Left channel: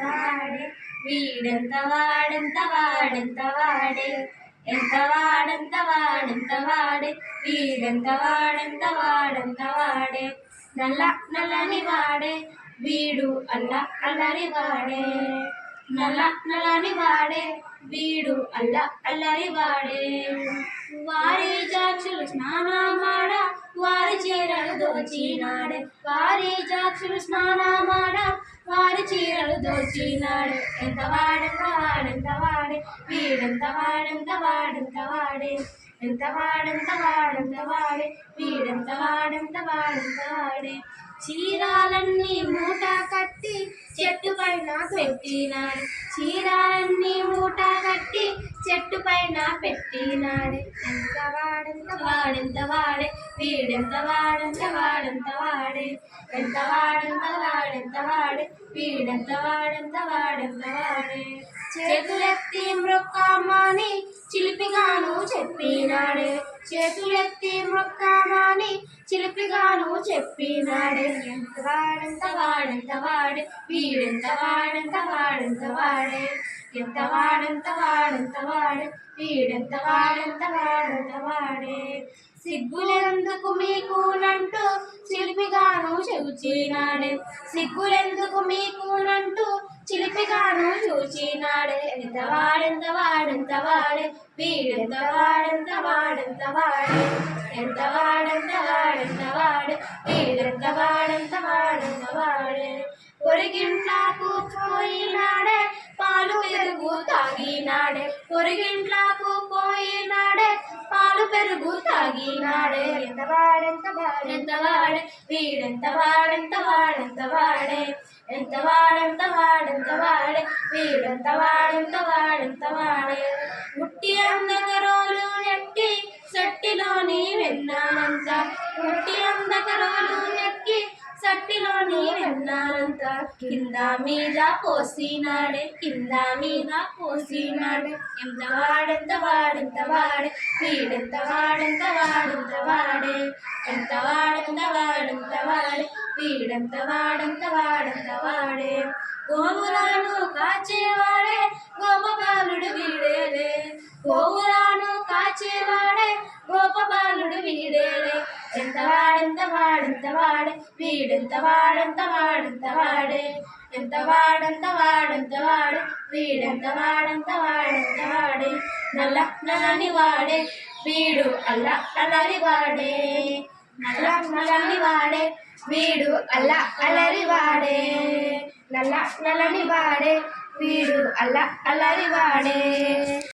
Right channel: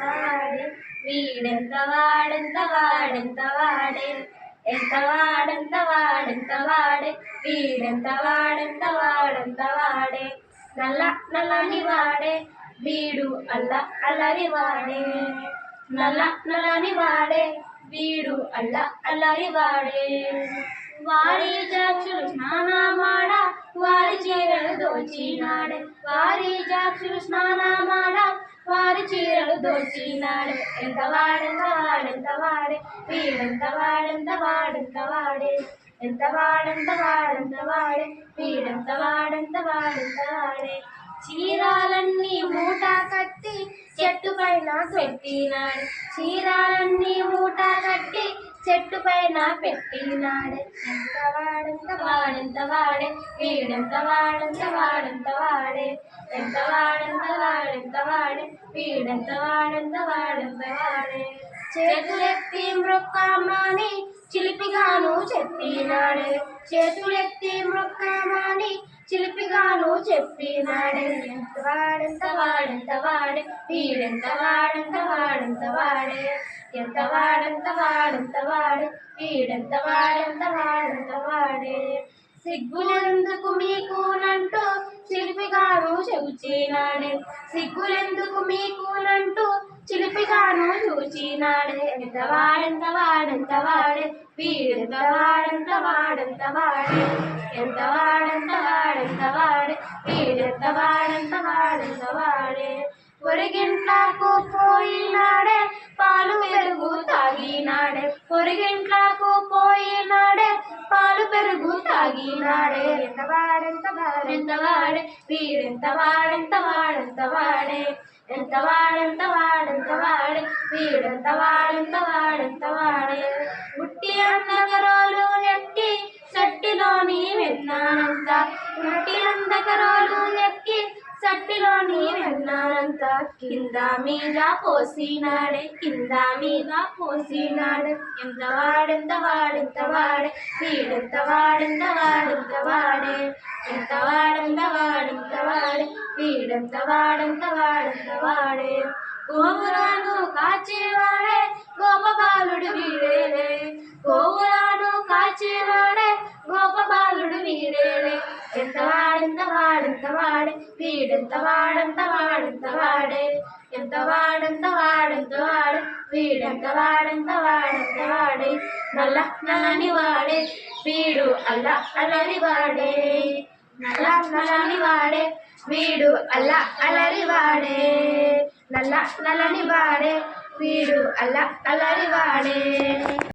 వాడే వీడెంత వాడెంత వాడెంత వాడే ఎంత వాడంత వాడెంత వాడే వీడెంత వాడెంత వాడెంత వాడే నల్ల నల్లని వాడే వీడు అల్ల అల్లరి వాడే నల్ల నల్లని వాడే వీడు అల్ల అల్లరి వాడే వారి జాక్షులు స్నానమాడ వారి చీరలు దోచినాడే వారి జాక్షులు స్నానమాడ వారి చీరలు దోచినాడే ఎంత వాడెంత వాడెంత వాడే వీడెంత వాడెంత వాడెంత వాడే ఎంత వాడెంత వాడెంత వాడే వీడెంత వాడెంత వాడెంత వాడే చీరాలన్నీ మూట కట్టి చెట్టు పైన పెట్టినాడు. చీరాలన్నీ మూట కట్టి చెట్టు పైన పెట్టినాడే. ఎంత వాడెంత వాడెంత వాడే వీడెంత వాడంత వాడంత వాడే ఎంత వాడంత వాడెంత వాడే వీడెంత వాడంత వాడెంత వాడే చేతులెత్తి మృక్కమ్మని చిలిపిగాను చెప్పినాడే. చేతులెత్తి మృ చిలిపిగాను చెప్పినాడు. ఎంత వాడంత వాడంత వాడే వీడెంత వాడంత వాడంత వాడే. ఎంత వాడంత వాడంత వాడే వీడెంత వాడంత వాడంత వాడే. సిగ్గులెందుకు మీకునంటూ చిలిపిగాను చూచినాడే. సిగ్గులెందుకు మీకునంటూ చిలిపిగాను చూచినాడే. ఎంత వాడంత వాడంత వాడే వీడెంత వాడంత వాడంత వాడే. ఎంత వాడంత వాడెంత వాడే వీడెంత వాడంత వాడంత వాడే పొరిగింట్లా పోయినాడే పాలు పెరుగు తాగినాడే పొరిగింట్లకు పోయినాడే పాలు పెరుగు తాగినాడే ఎంత వాడెంత వాడెంత వాడే వీడెంత వాడెంత వాడెంత వాడే ఎంత వాడెంత వాడెంత వాడే వీడెంత వాడెంత వాడెంత వాడే ముట్టి అందగరోలు నెట్టి సట్టిలోని విన్నానంత కింద మీద పోసినాడే కింద మీద పోసినాడే ఎంత వాడెంత వాడెంత వాడే వీడెంత వాడెంత వాడెంత వాడే ఎంత వాడెంత వాడెంత వాడే వీడెంత వాడెంత వాడెంత వాడే గోవురాను కాచేవాడే గోపబాలుడు వీడేలే గోవురాను కాచేవాడే గోపబాలుడు వీడేలే. ఎంత వాడెంత వాడెంత వాడే వీడెంత వాడంత వాడెంత వాడే ఎంత వాడంత వాడంత వాడే వీడెంత వాడంత వాడంత వాడే? నల్ల నల్లని వాడే. వీడు అల్ల అల్లరి వాడే. నల్ల నల్లని వాడే. వీడు అల్ల అల్లరి వాడే. నల్ల నల్లని వాడే. వీడు అల్ల అల్లరి వాడే.